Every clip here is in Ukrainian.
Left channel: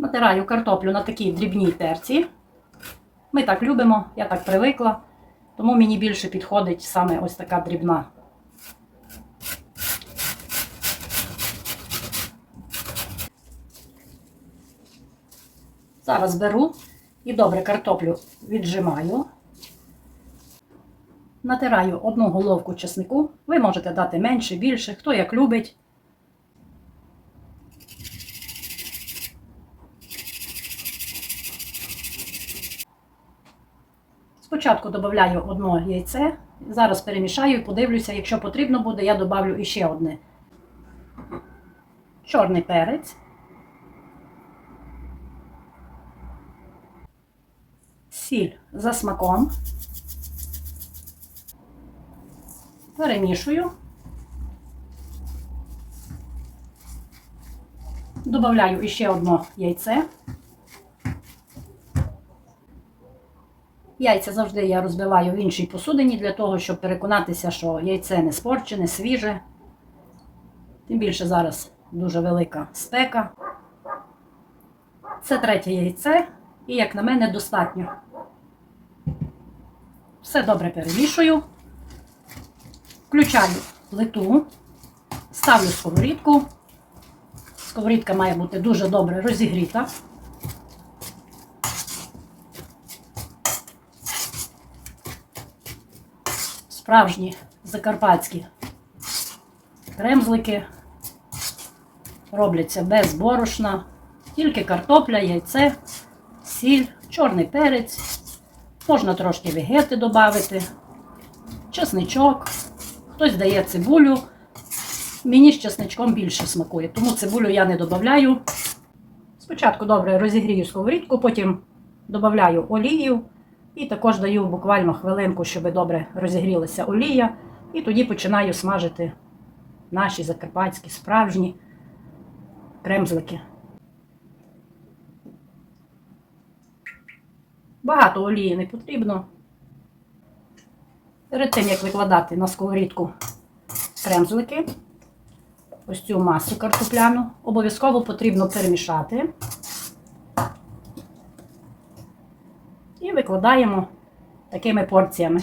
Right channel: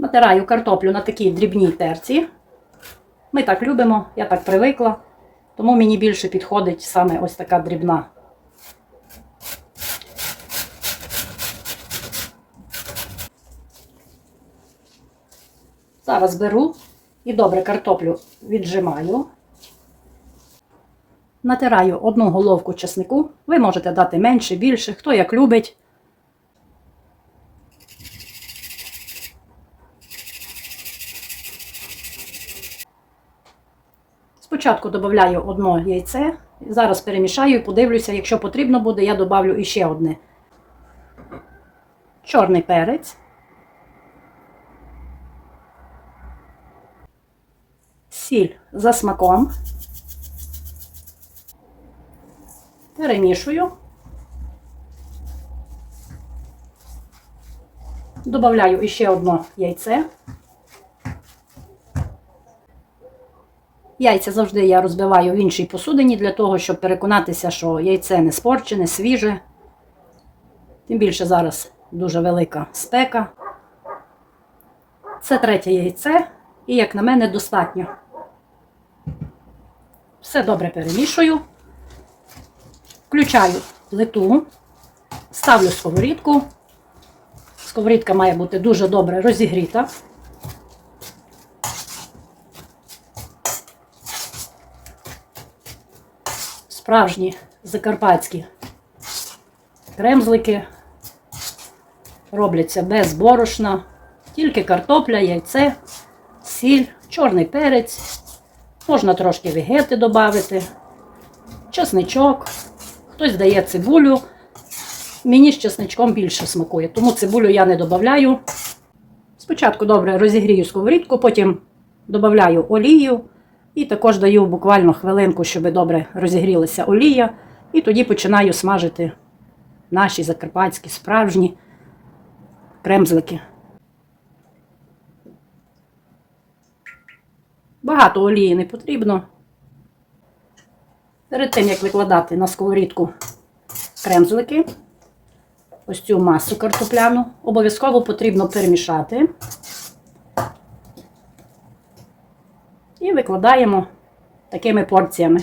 Натираю картоплю на такій дрібній терці. Ми так любимо, я так привикла. Тому мені більше підходить саме ось така дрібна. Зараз беру і добре картоплю віджимаю. Натираю одну головку чеснику. Ви можете дати менше, більше, хто як любить. Спочатку додаю одне яйце, зараз перемішаю і подивлюся, якщо потрібно буде, я додавлю іще одне. Чорний перець. Сіль за смаком. Перемішую. Добавляю іще одне яйце. Яйця завжди я розбиваю в іншій посудині для того, щоб переконатися, що яйце не спорчене, свіже. Тим більше зараз дуже велика спека. Це третє яйце, і, як на мене, достатньо. Все добре перемішую. Включаю плиту, ставлю сковорідку. Сковорідка має бути дуже добре розігріта. Справжні закарпатські кремзлики робляться без борошна, тільки картопля, яйце, сіль, чорний перець. Можна трошки вегети додати, чесничок. Хтось дає цибулю. Мені з чесничком більше смакує, тому цибулю я не додаю. Спочатку добре розігрію сковорідку, потім додаю олію і також даю буквально хвилинку, щоб добре розігрілася олія. І тоді починаю смажити наші закарпатські справжні кремзлики. Багато олії не потрібно. Перед тим, як викладати на сковорідку кремзлики, ось цю масу картопляну, обов'язково потрібно перемішати. І викладаємо такими порціями.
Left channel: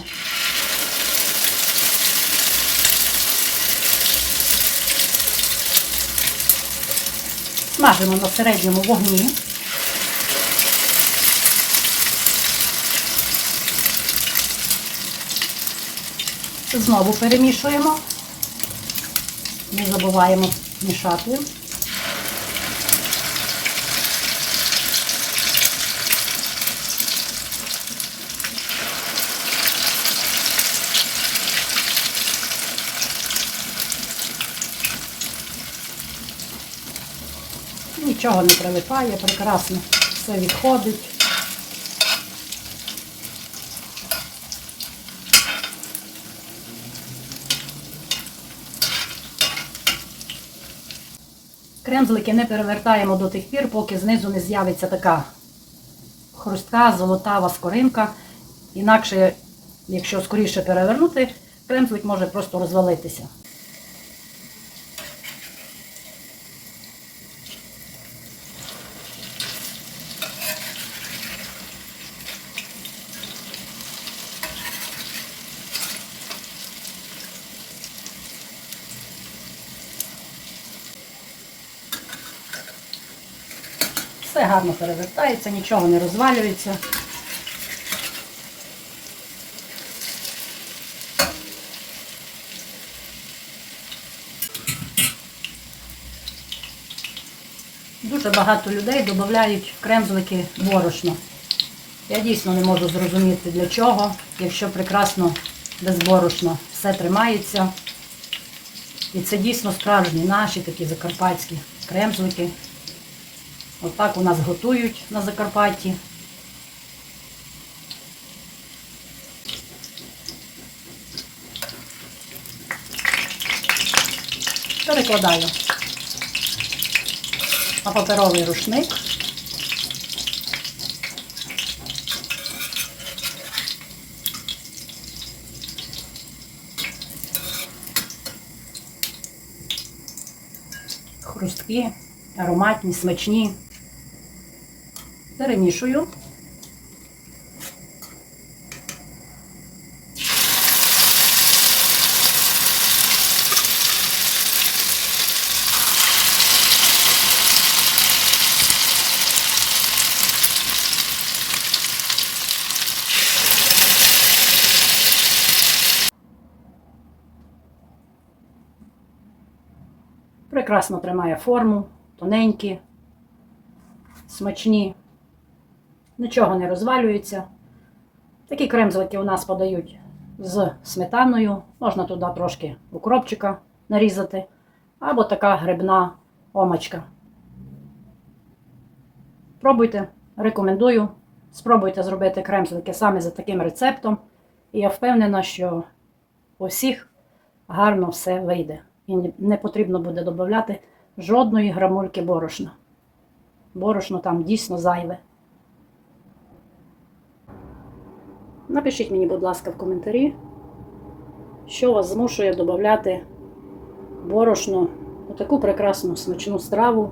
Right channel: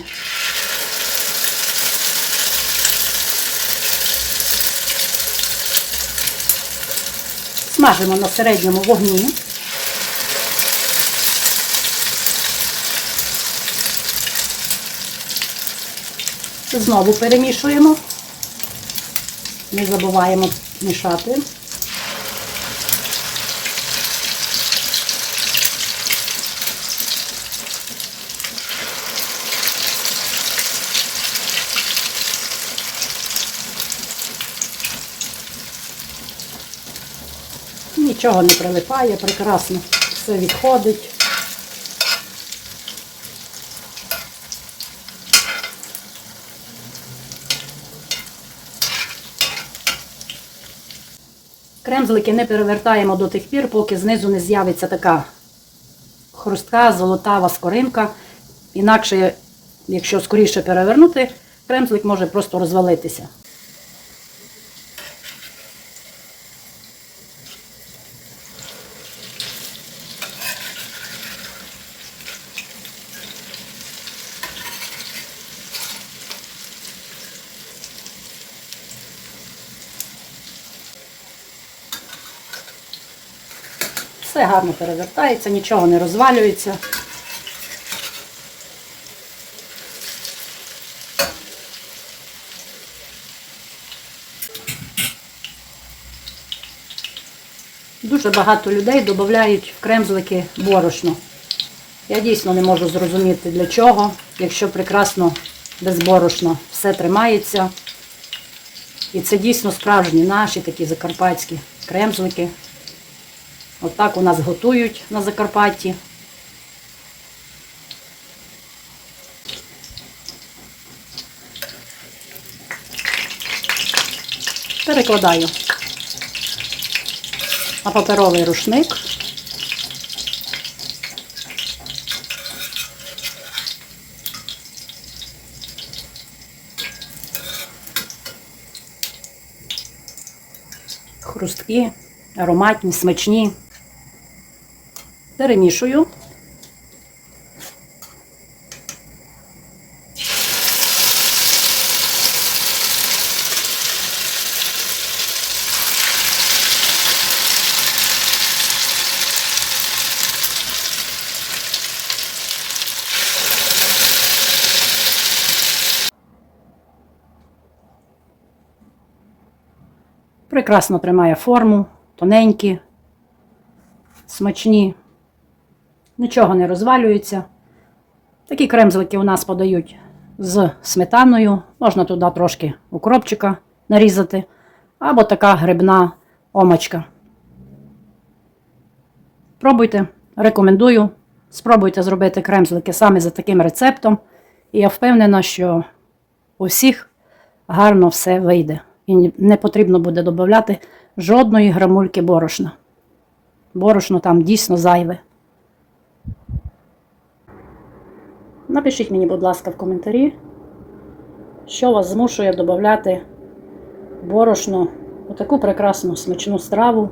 Смажимо на середньому вогні. Знову перемішуємо. Не забуваємо мішати. Нічого не прилипає, прекрасно все відходить. Кремзлики не перевертаємо до тих пір, поки знизу не з'явиться така хрустка, золотава скоринка. Інакше, якщо скоріше перевернути, кремзлик може просто розвалитися. Все гарно перевертається, нічого не розвалюється. Дуже багато людей додають кремзлики борошно. Я дійсно не можу зрозуміти для чого, якщо прекрасно безборошно все тримається. І це дійсно справжні наші такі закарпатські кремзлики. Отак у нас готують на Закарпатті. Перекладаю на паперовий рушник. Хрусткі, ароматні, смачні. Перемішую. Прекрасно тримає форму, тоненькі, смачні, нічого не розвалюється. Такі кремзлики у нас подають з сметаною. Можна туди трошки укропчика нарізати, або така грибна омочка. Пробуйте, рекомендую. Спробуйте зробити кремзлики саме за таким рецептом. І я впевнена, що у всіх гарно все вийде. І не потрібно буде додати жодної грамульки борошна. Борошно там дійсно зайве. Напишіть мені, будь ласка, в коментарі, що вас змушує додати борошно у таку прекрасну смачну страву